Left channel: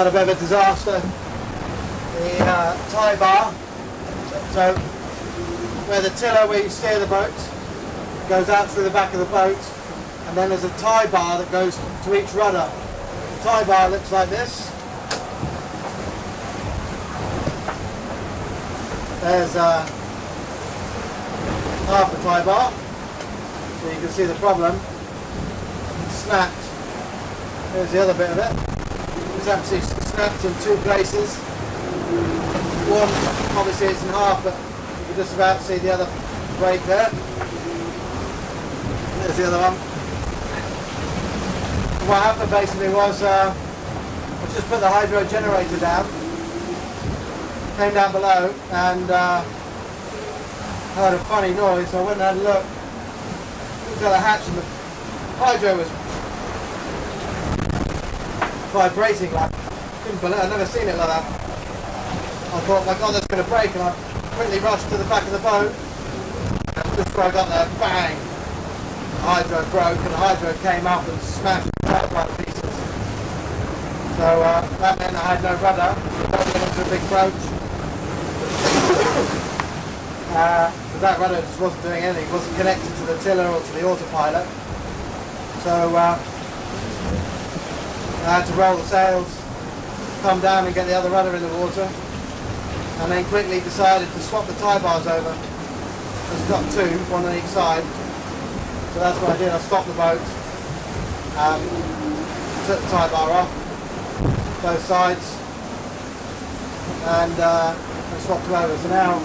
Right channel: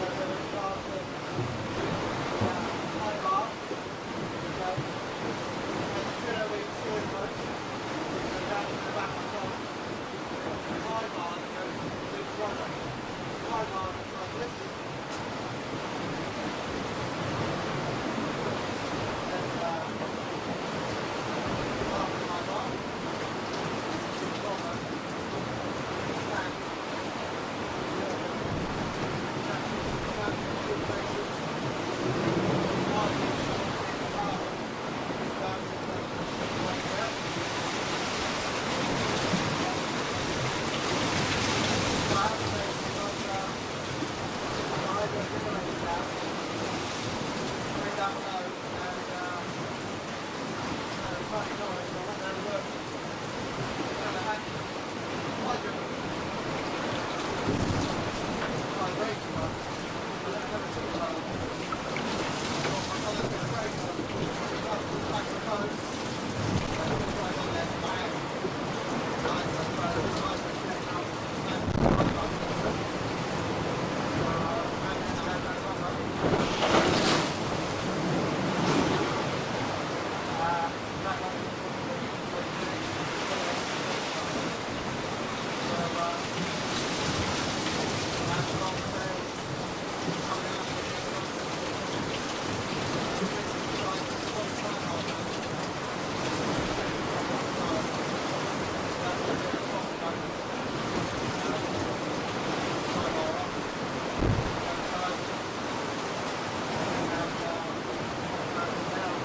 had a bit of a disaster. The tie bar, so where the tiller where you steer the boat goes out through the back of the boat, and then there's a tie bar that goes to each rudder. The tie bar looks like this. There's half the tie bar, so you can see the problem. It's snapped. There's the other bit of it. It's actually snapped in two places. One, obviously it's in half, but you can just about see the other break there. There's the other one. And what happened basically was I just put the hydro generator down, came down below, and heard a funny noise, so I went and had a look. Looked at the hatch and the hydro was vibrating like, couldn't believe it. I've never seen it like that. I thought, my God, that's going to break, and I quickly rushed to the back of the boat. And just before I got there, bang! The hydro broke, and the hydro came up and smashed the boat by pieces. So that meant I had no rudder. The boat went into a big broach. That rudder just wasn't doing anything. It wasn't connected to the tiller or to the autopilot. So I had to roll the sails, come down and get the other rudder in the water, and then quickly decided to swap the tie bars over. Just got two, one on each side. So that's what I did. I stopped the boat, took the tie bar off, both sides, and I swapped them over. So now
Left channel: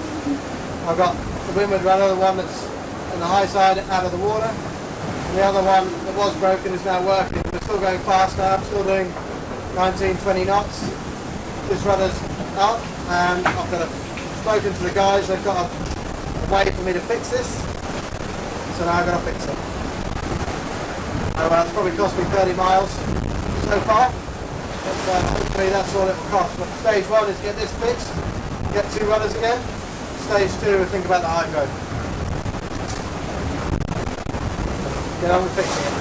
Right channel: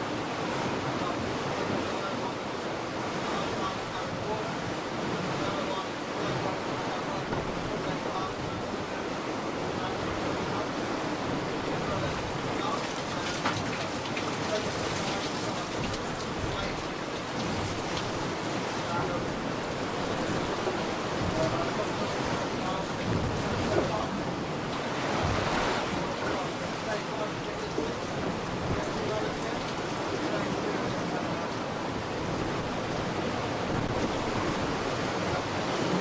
I've got the windward rudder, the one that's on the high side out of the water. The other one that was broken is now working. We're still going fast now. I'm still doing 19, 20 knots. This rudder's up, and I've got spoken to the guys. They've got a way for me to fix this. So now I've got to fix it. It's probably cost me 30 miles so far. But hopefully that's all it costs. But stage one is get this fixed, get two rudders again. Stage two, we think about the hydro. Get on with fixing it.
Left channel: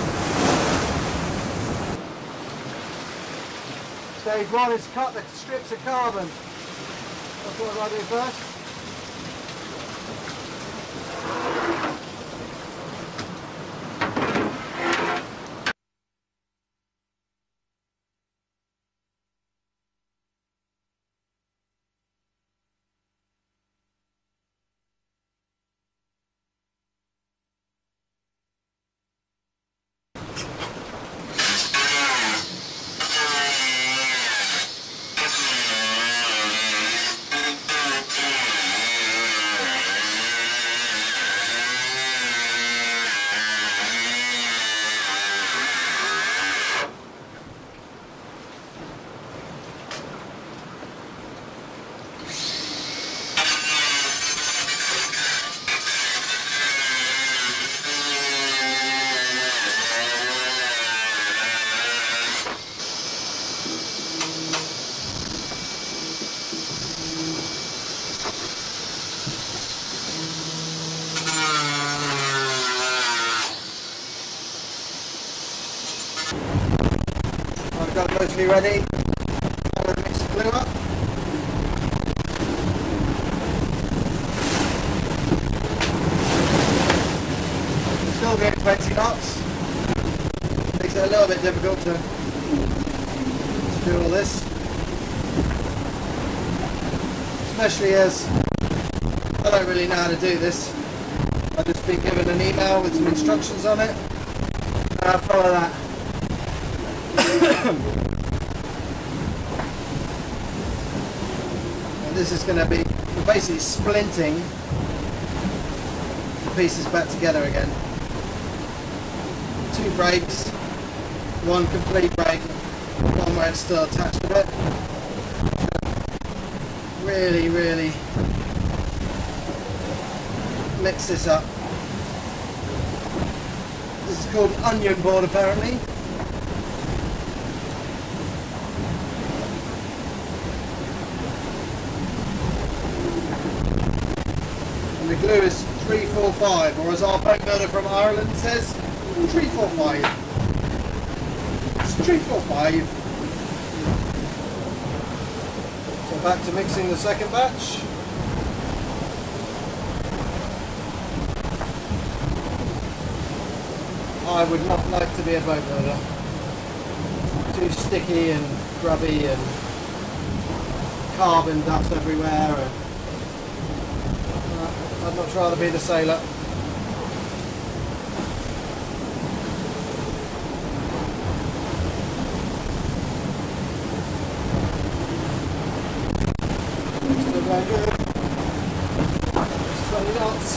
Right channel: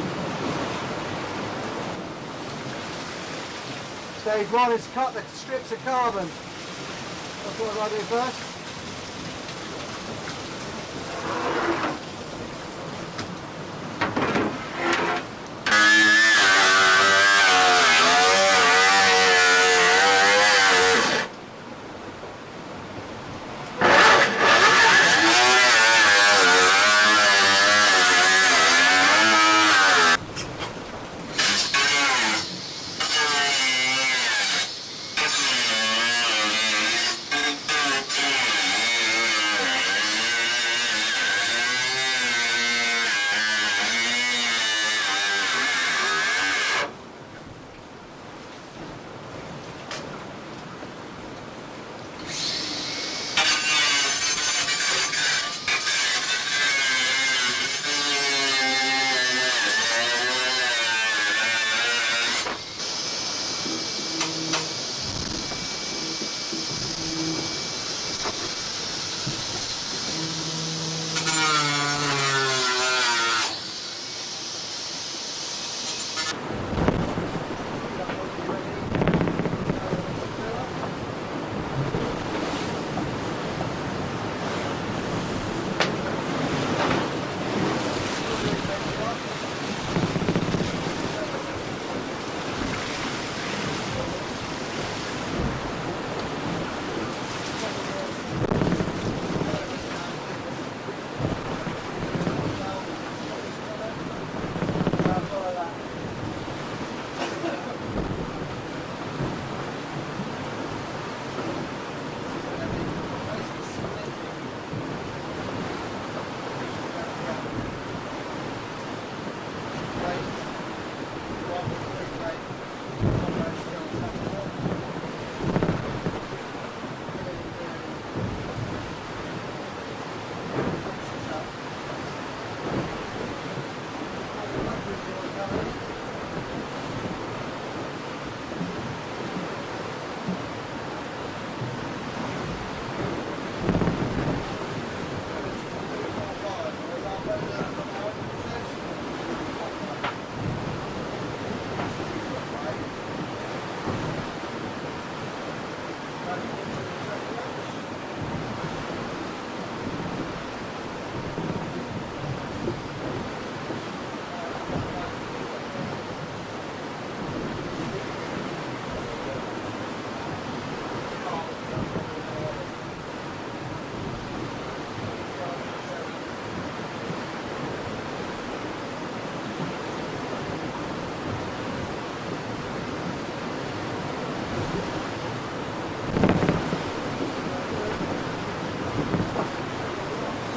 Stage one is cut the strips of carbon. That's what I'll do first. Mostly ready. Now we'll mix the glue up. Still doing 20 knots. Makes it a little bit difficult to do all this. Especially as I don't really know how to do this. I've just been given an email with some instructions on it. And I'll follow that. This is going to be basically splinting the pieces back together again. Two brakes, one complete brake, one where it's still attached to it. Really, really mix this up. This is called onion board apparently. The glue is 345, or as our boat builder from Ireland says, 345. It's 345. Back to mixing the second batch. I would not like to be a boat builder. Too sticky and grubby and carbon dust everywhere. And I'd much rather be the sailor. Still very good. Just 20 knots.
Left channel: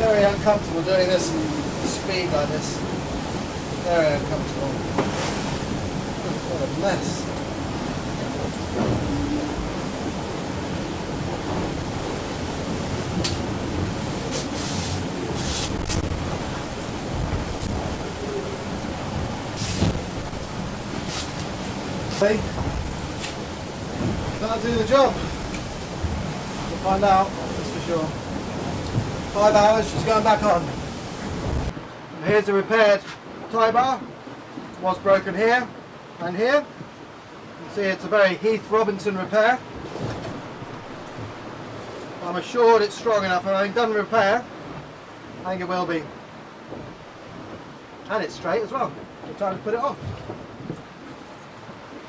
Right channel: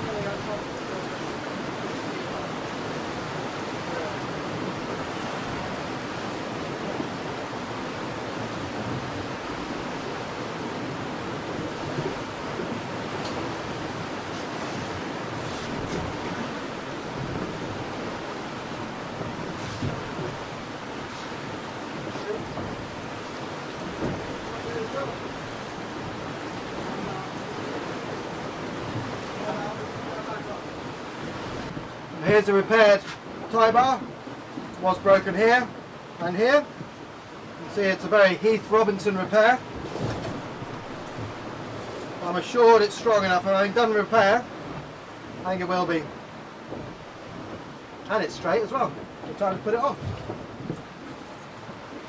Very uncomfortable doing this speed like this. Very uncomfortable. What a mess. See? Can't do the job. We'll find out, that's for sure. 5 hours, she's going back on. And here's a repaired tie bar. Was broken here and here. You can see it's a very Heath Robinson repair. I'm assured it's strong enough, and having done the repair, I think it will be. And it's straight as well. It's time to put it on.